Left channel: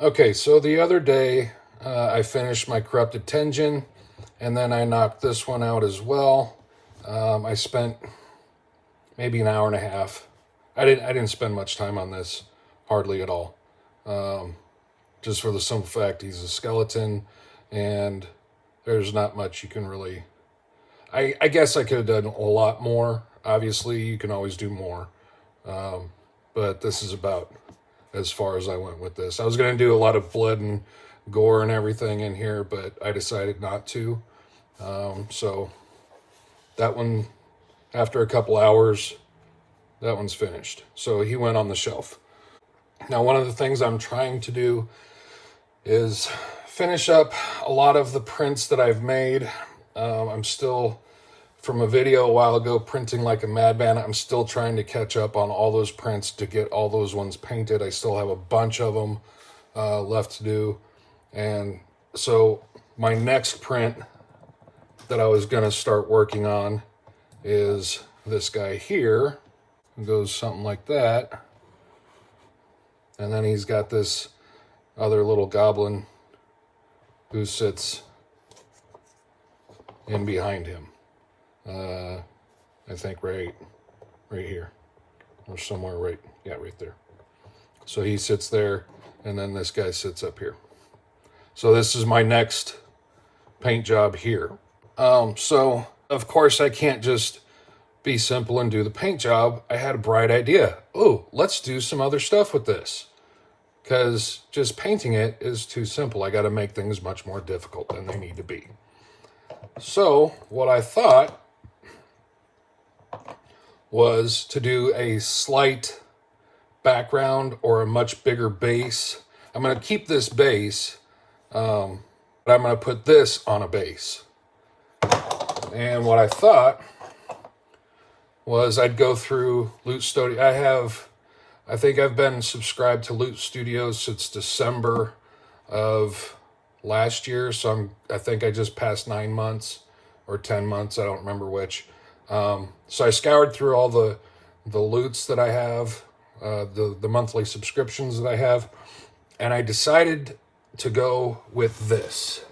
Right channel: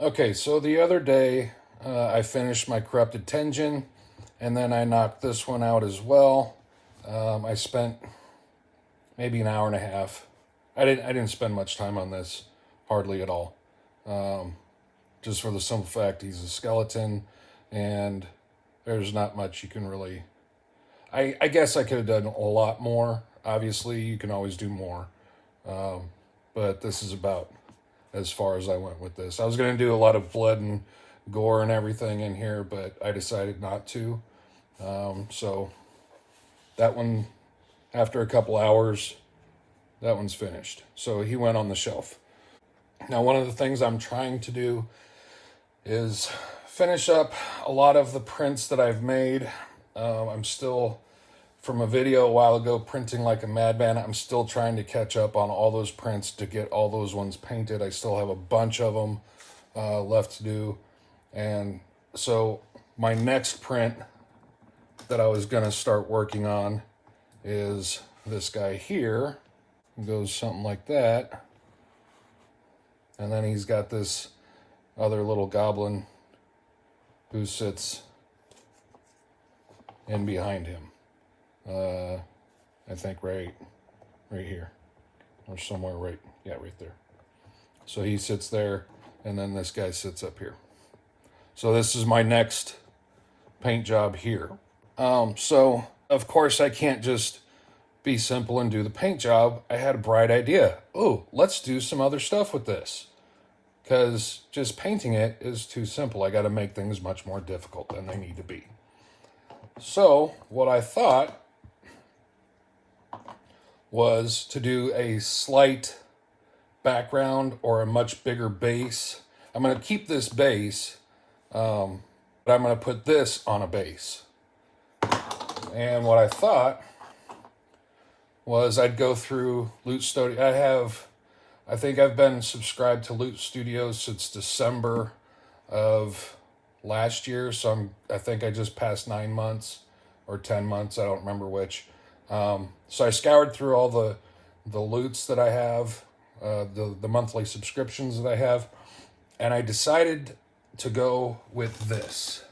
Okay, so the other day I finished my corrupted Tenjin, and then I knocked this one out as well. I spent maybe an hour and a half. I didn't spend much time on this, hardly at all. Just for the simple fact he's a skeleton, and there's not much you can really. I guess I could have done a lot more. Obviously, you can always do more, but this is about as far as I went with this. I was going to do a lot of blood and gore and everything in here, but I decided not to. So that one, after a couple hours, that one's finished. So he went on the shelf. Now, one of the things I'm trying to do is finish up a lot of the prints that I've made. I'm still, from a video a while ago, printing like a madman. I'm still trying to catch up on all those prints to get all those ones painted. I still have a bunch of them left to do. And so my next print that I was going to start working on is this guy here. It goes something like that. And then he's got this other little goblin who sits in behind him. I think right here, or somewhere right there. So he sits there, and then this guy sits up here. So this is my next paint job here. So of course I can't just be simple and do the paint job. I had a bright idea. Oh, let's do some other stuff with this. Because just painting it is too simple. I got to make things much more difficult than they need to be. So what I thought was to do a slight background or a much bigger base. I'm going to keep this base, but I'm going to put this on a base. And what I thought was I'd go through Loot Studio. I think I've been subscribed to Loot Studios since December of last year. So I think I just passed 9 months or 10 months. I don't remember which. So I scoured through all the loots that I have, the monthly subscriptions that I have, and I decided to go with this.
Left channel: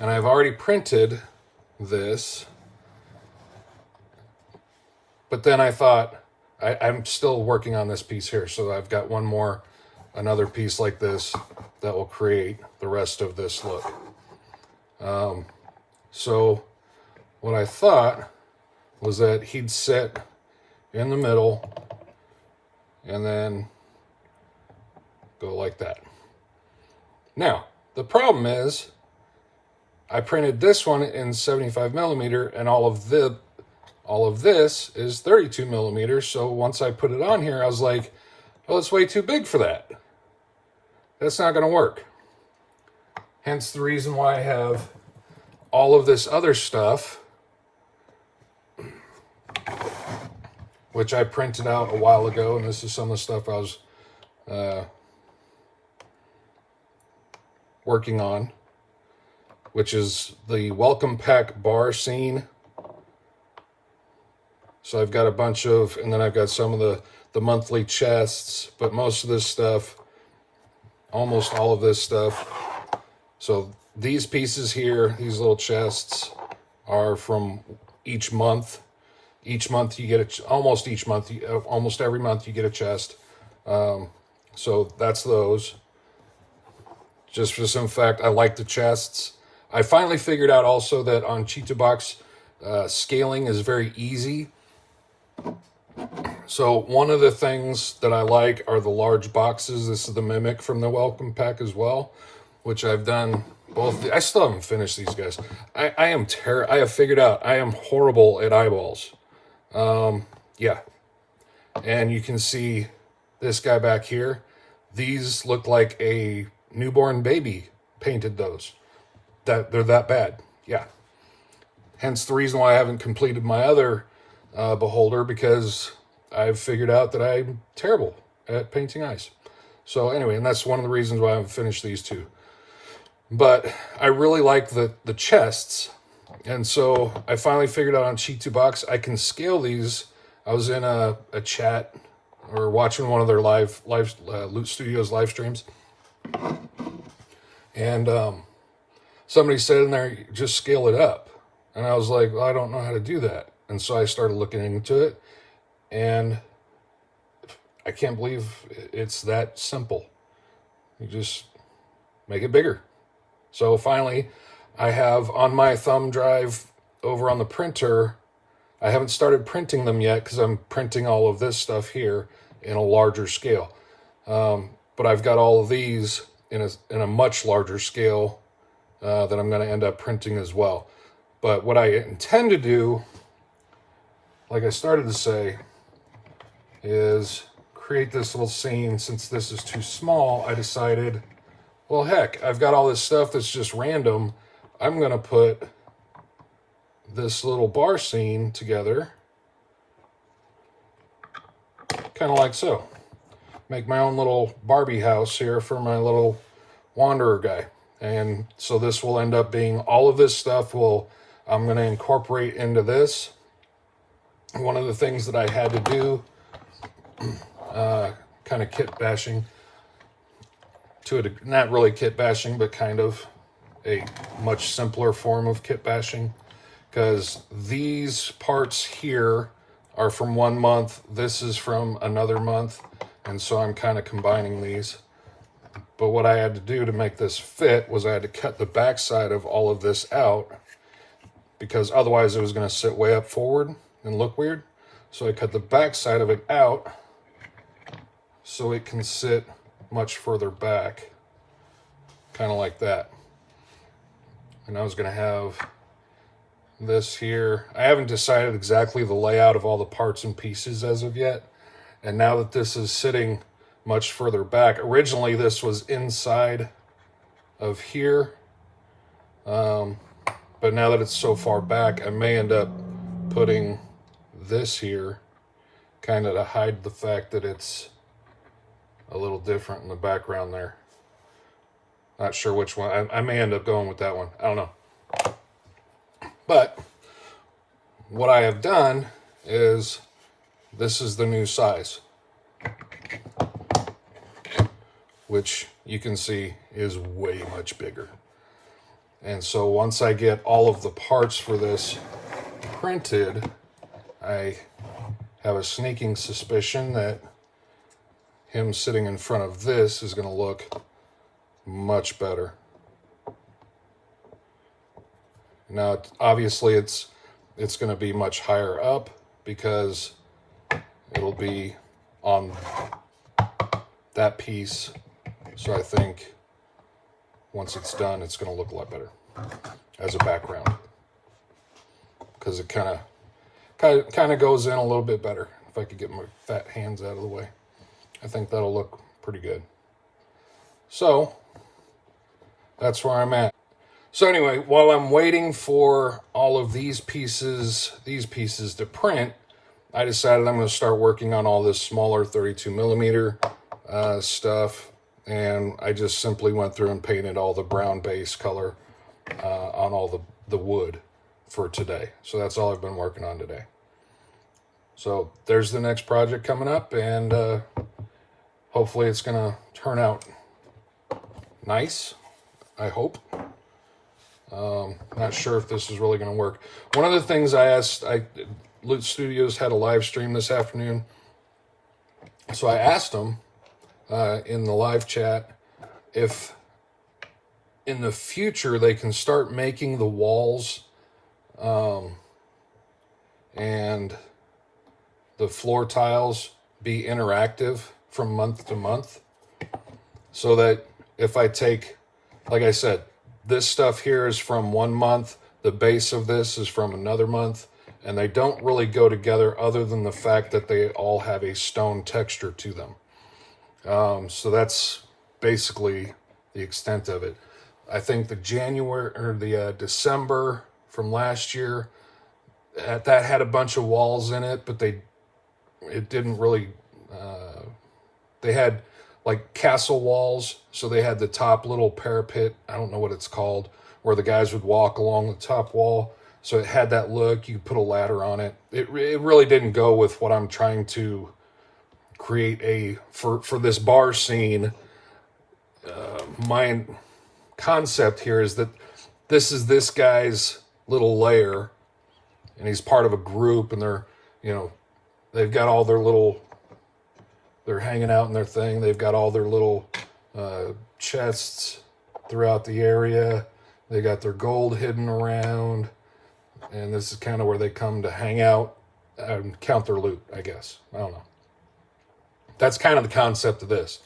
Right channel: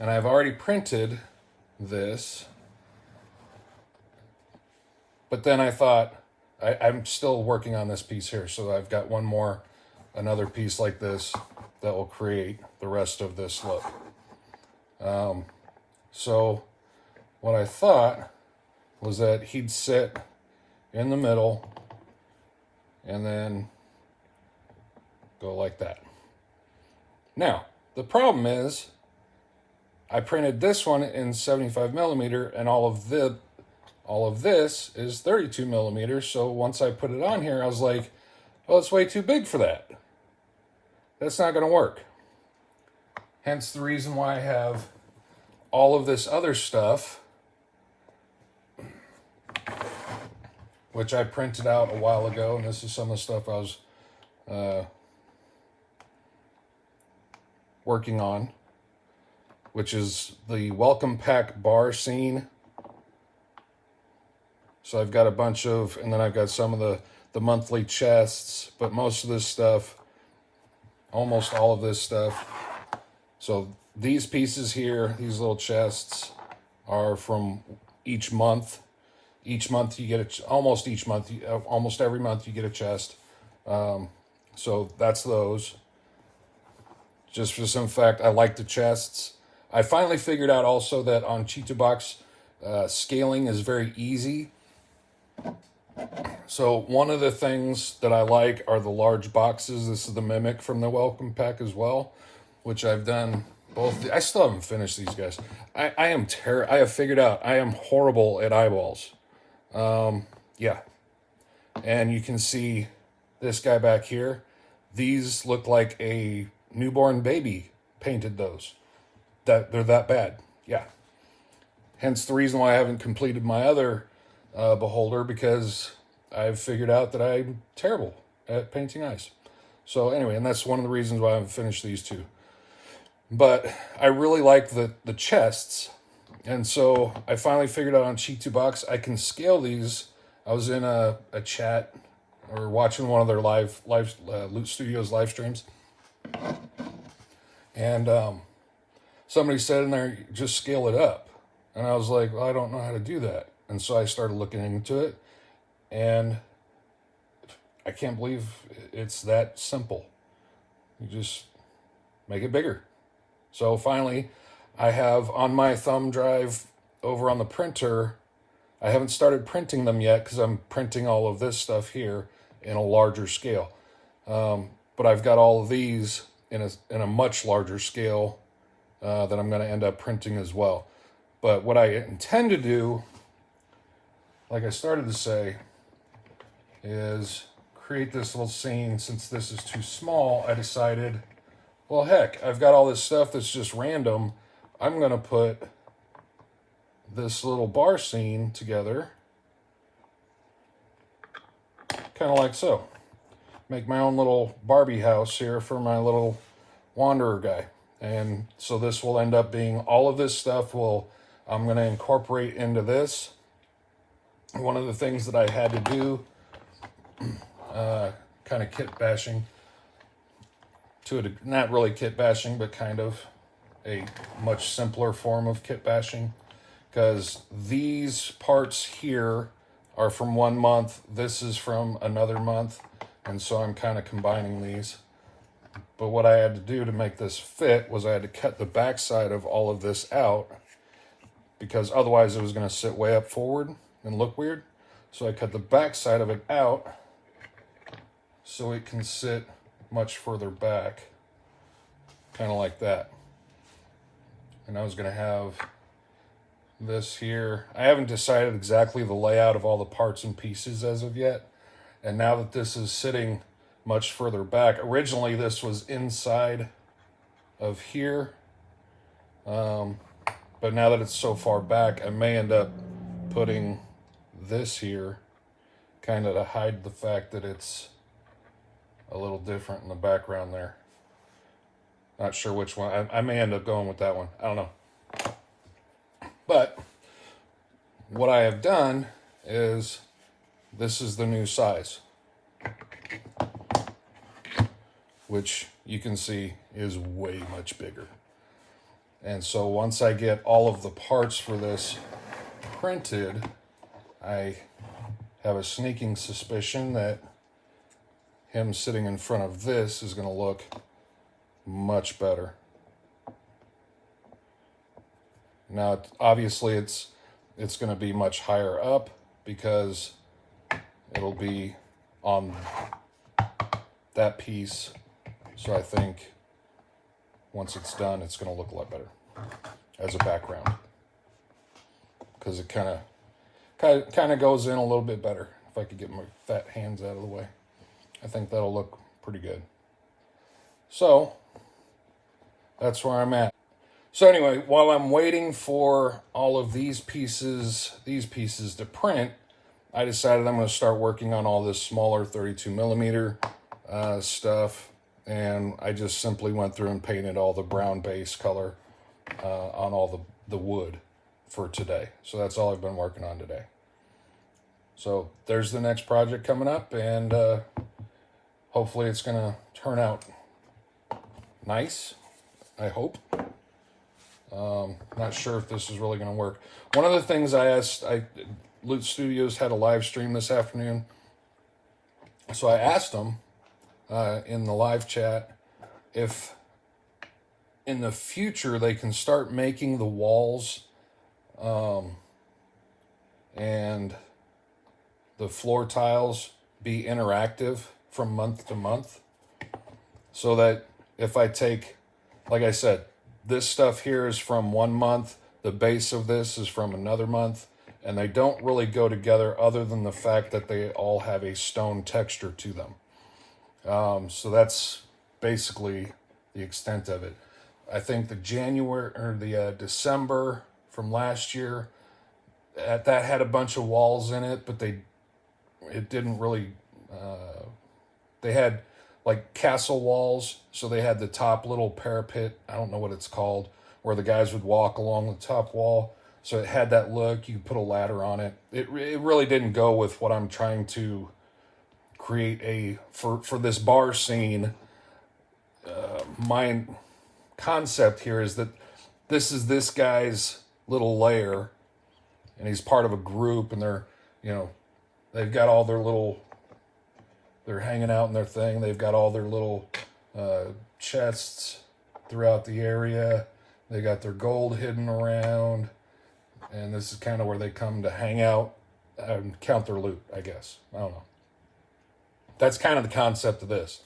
And I've already printed this. But then I thought, I'm still working on this piece here. So I've got another piece like this that will create the rest of this look. So what I thought was that he'd sit in the middle and then go like that. Now, the problem is I printed this one in 75 millimeter, and all of this is 32 millimeters. So once I put it on here, I was like, oh, it's way too big for that. That's not going to work. Hence the reason why I have all of this other stuff, which I printed out a while ago. And this is some of the stuff I was working on, which is the welcome pack bar scene. So I've got a bunch of, and then I've got some of the monthly chests, but most of this stuff, almost all of this stuff. So these pieces here, these little chests, are from each month. Each month you get almost every month you get a chest. So that's those. Just for some fact, I like the chests. I finally figured out also that on Cheetah Box, scaling is very easy. So one of the things that I like are the large boxes. This is the Mimic from the Welcome Pack as well, which I've done both. I still haven't finished these guys. I have figured out I am horrible at eyeballs. Yeah. And you can see this guy back here. These look like a newborn baby painted those. They're that bad. Yeah. Hence the reason why I haven't completed my other beholder, because I've figured out that I'm terrible at painting eyes. So anyway, and that's one of the reasons why I haven't finished these two. But I really like the chests. And so I finally figured out on Cheat2Box I can scale these. I was in a chat or watching one of their Loot Studios live streams, and somebody said in there, just scale it up. And I was like, well, I don't know how to do that. And so I started looking into it, and I can't believe it's that simple. You just make it bigger. So finally, I have on my thumb drive over on the printer, I haven't started printing them yet because I'm printing all of this stuff here in a larger scale. But I've got all of these in a much larger scale that I'm going to end up printing as well. But what I intend to do, like I started to say, is create this little scene. Since this is too small, I decided, well, heck, I've got all this stuff that's just random. I'm going to put this little bar scene together, kind of like so. Make my own little Barbie house here for my little wanderer guy. And so this will end up being, all of this stuff I'm going to incorporate into this. One of the things that I had to do, kind of kit bashing, not really kit bashing, but kind of a much simpler form of kit bashing, because these parts here are from 1 month, this is from another month, and so I'm kind of combining these. But what I had to do to make this fit was I had to cut the backside of all of this out, because otherwise it was going to sit way up forward and look weird. So I cut the backside of it out so it can sit much further back, kind of like that. And I was going to have this here. I haven't decided exactly the layout of all the parts and pieces as of yet. And now that this is sitting much further back, originally this was inside of here. But now that it's so far back, I may end up putting this here kind of to hide the fact that it's a little different in the background there. Not sure which one. I may end up going with that one. I don't know. But what I have done is, this is the new size, which you can see is way much bigger. And so once I get all of the parts for this printed, I have a sneaking suspicion that him sitting in front of this is going to look much better. Now, obviously, it's going to be much higher up because it'll be on that piece. So I think once it's done, it's going to look a lot better as a background, because it kind of goes in a little bit better. If I could get my fat hands out of the way, I think that'll look pretty good. So that's where I'm at. So anyway, while I'm waiting for all of these pieces to print, I decided I'm going to start working on all this smaller 32 millimeter stuff. And I just simply went through and painted all the brown base color on all the wood for today. So that's all I've been working on today. So there's the next project coming up, and hopefully it's going to turn out nice, I hope. Not sure if this is really going to work. One of the things Loot Studios had a live stream this afternoon. So I asked them in the live chat if in the future they can start making the walls and the floor tiles be interactive from month to month, so that if I take, like I said, this stuff here is from 1 month, the base of this is from another month, and they don't really go together other than the fact that they all have a stone texture to them. So that's basically the extent of it. I think the December from last year, that had a bunch of walls in it, but it didn't really, they had like castle walls. So they had the top little parapet, I don't know what it's called, where the guys would walk along the top wall. So it had that look. You could put a ladder on it. It really didn't go with what I'm trying to create for this bar scene. My concept here is that this is this guy's little lair, and he's part of a group, and they're, they've got all their little, they're hanging out in their thing. They've got all their little chests throughout the area. They got their gold hidden around, and this is kind of where they come to hang out and count their loot, I guess. I don't know. That's kind of the concept of this.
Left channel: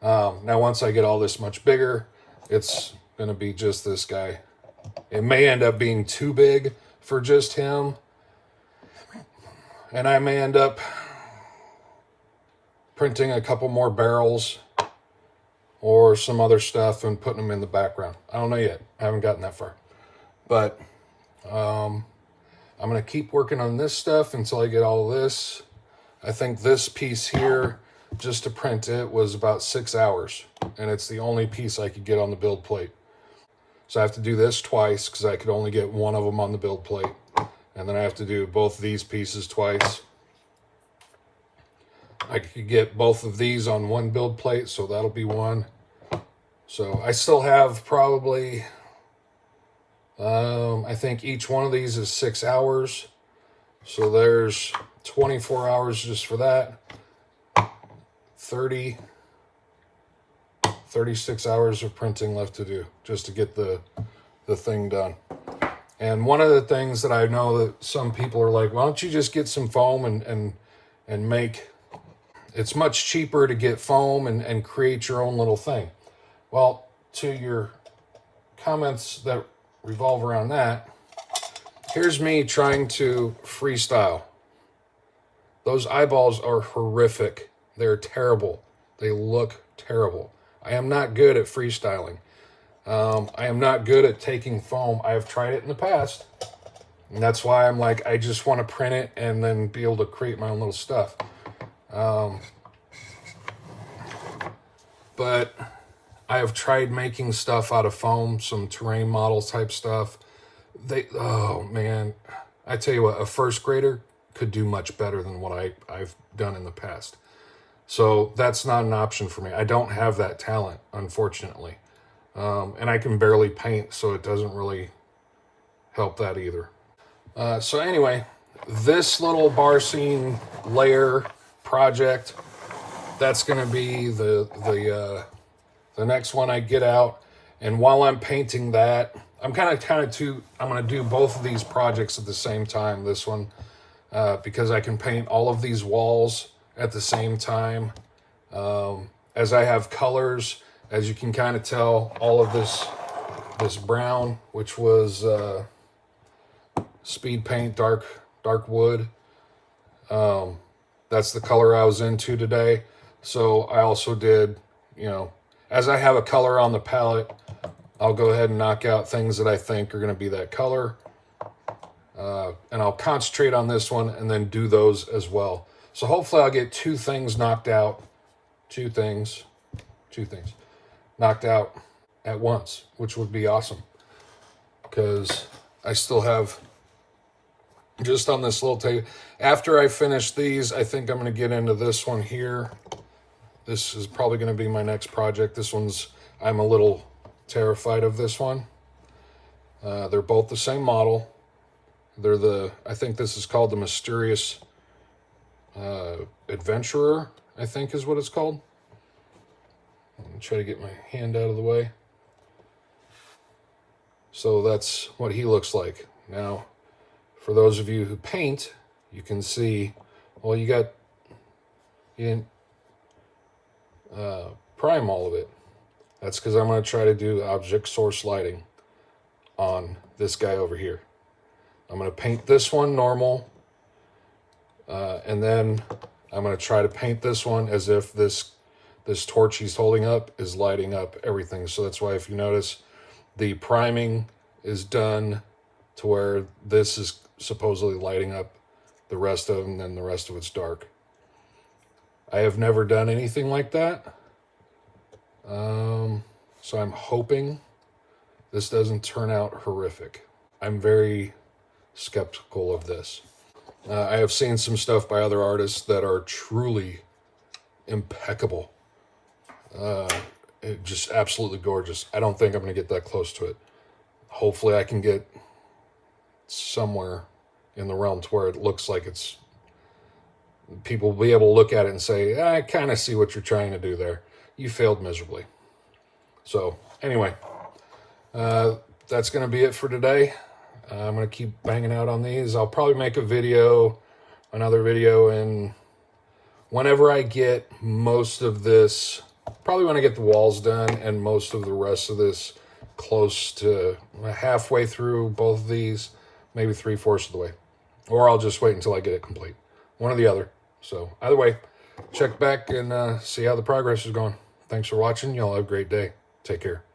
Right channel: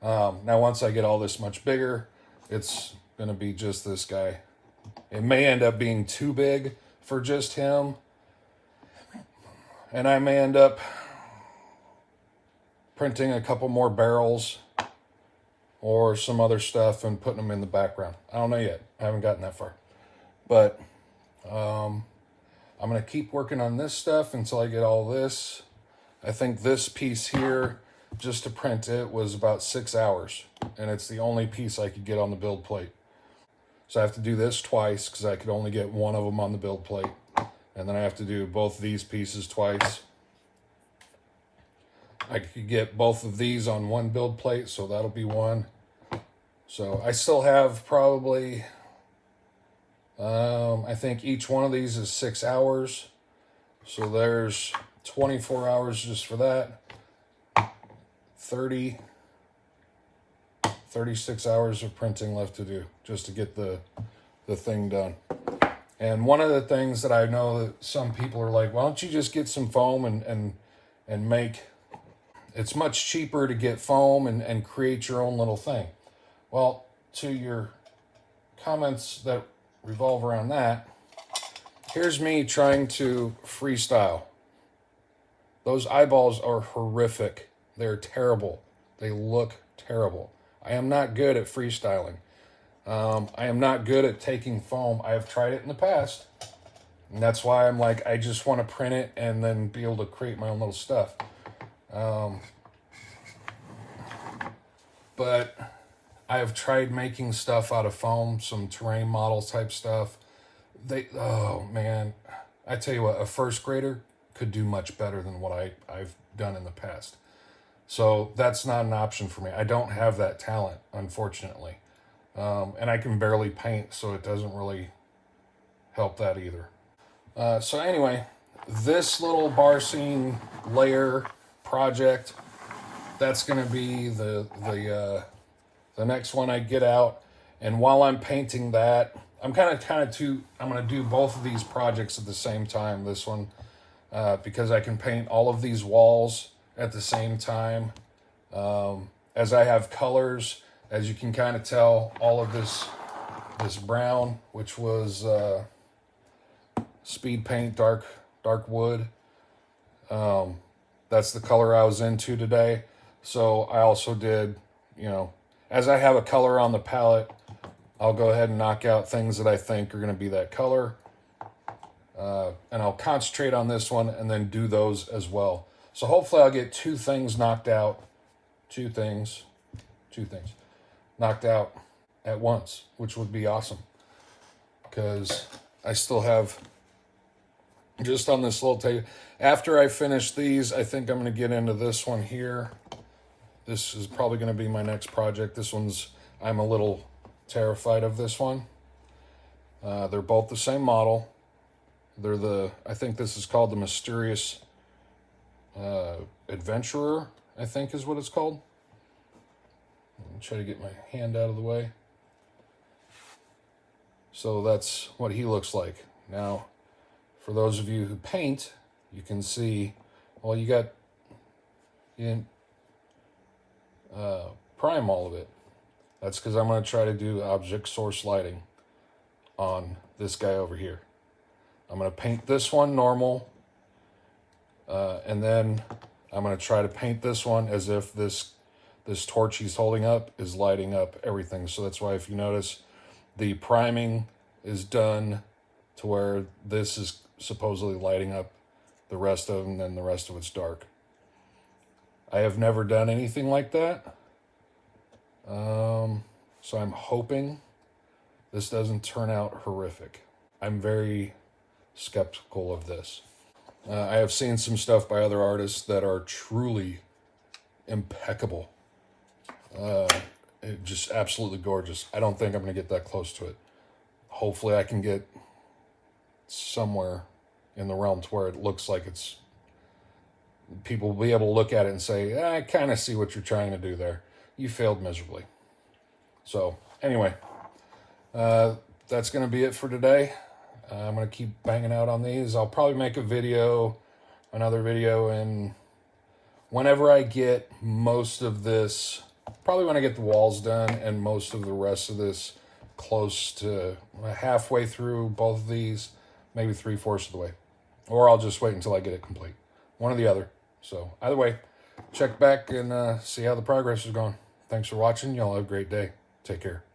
Now, once I get all this much bigger, it's going to be just this guy. It may end up being too big for just him, and I may end up printing a couple more barrels or some other stuff and putting them in the background. I don't know yet. I haven't gotten that far. But I'm going to keep working on this stuff until I get all this. I think this piece here, just to print it, was about 6 hours. And it's the only piece I could get on the build plate. So I have to do this twice because I could only get one of them on the build plate. And then I have to do both these pieces twice. I could get both of these on one build plate, so that'll be one. So I still have probably, I think each one of these is 6 hours. So there's 24 hours just for that. 36 hours of printing left to do just to get the thing done. And one of the things that I know that some people are like, why don't you just get some foam and make... It's much cheaper to get foam and create your own little thing. Well, to your comments that revolve around that, here's me trying to freestyle. Those eyeballs are horrific. They're terrible. They look terrible. I am not good at freestyling. I am not good at taking foam. I have tried it in the past. And that's why I'm like, I just want to print it and then be able to create my own little stuff. But I have tried making stuff out of foam, some terrain model type stuff. Oh man, I tell you what, a first grader could do much better than what I've done in the past. So that's not an option for me. I don't have that talent, unfortunately. And I can barely paint, so it doesn't really help that either. So anyway, this little bar scene layer project, that's going to be the next one I get out. And while I'm painting that, I'm going to do both of these projects at the same time. This one, because I can paint all of these walls at the same time. As I have colors, as you can kind of tell, all of this brown, which was speed paint, dark wood. That's the color I was into today. So I also did, as I have a color on the palette, I'll go ahead and knock out things that I think are going to be that color. And I'll concentrate on this one and then do those as well. So hopefully I'll get two things knocked out. Two things knocked out at once, which would be awesome. Because I still have, just on this little table, after I finish these, I think I'm going to get into this one here. This is probably going to be my next project. This one's, I'm a little terrified of this one. They're both the same model. I think this is called the Mysterious Adventurer, I think is what it's called. Let me try to get my hand out of the way. So that's what he looks like. Now, for those of you who paint, you can see, well, you didn't prime all of it. That's because I'm going to try to do object source lighting on this guy over here. I'm going to paint this one normal, and then I'm going to try to paint this one as if this torch he's holding up is lighting up everything. So that's why, if you notice, the priming is done to where this is supposedly lighting up the rest of them, and then the rest of it's dark. I have never done anything like that. So I'm hoping this doesn't turn out horrific. I'm very skeptical of this. I have seen some stuff by other artists that are truly impeccable. It just absolutely gorgeous. I don't think I'm going to get that close to it. Hopefully I can get somewhere in the realm to where it looks like it's, people will be able to look at it and say, I kind of see what you're trying to do there. You failed miserably. So anyway, that's going to be it for today. I'm going to keep banging out on these. I'll probably make another video, and whenever I get most of this, probably when I get the walls done and most of the rest of this close to halfway through both of these, maybe 3/4 of the way. Or I'll just wait until I get it complete. One or the other. So either way, check back and see how the progress is going. Thanks for watching. Y'all have a great day. Take care.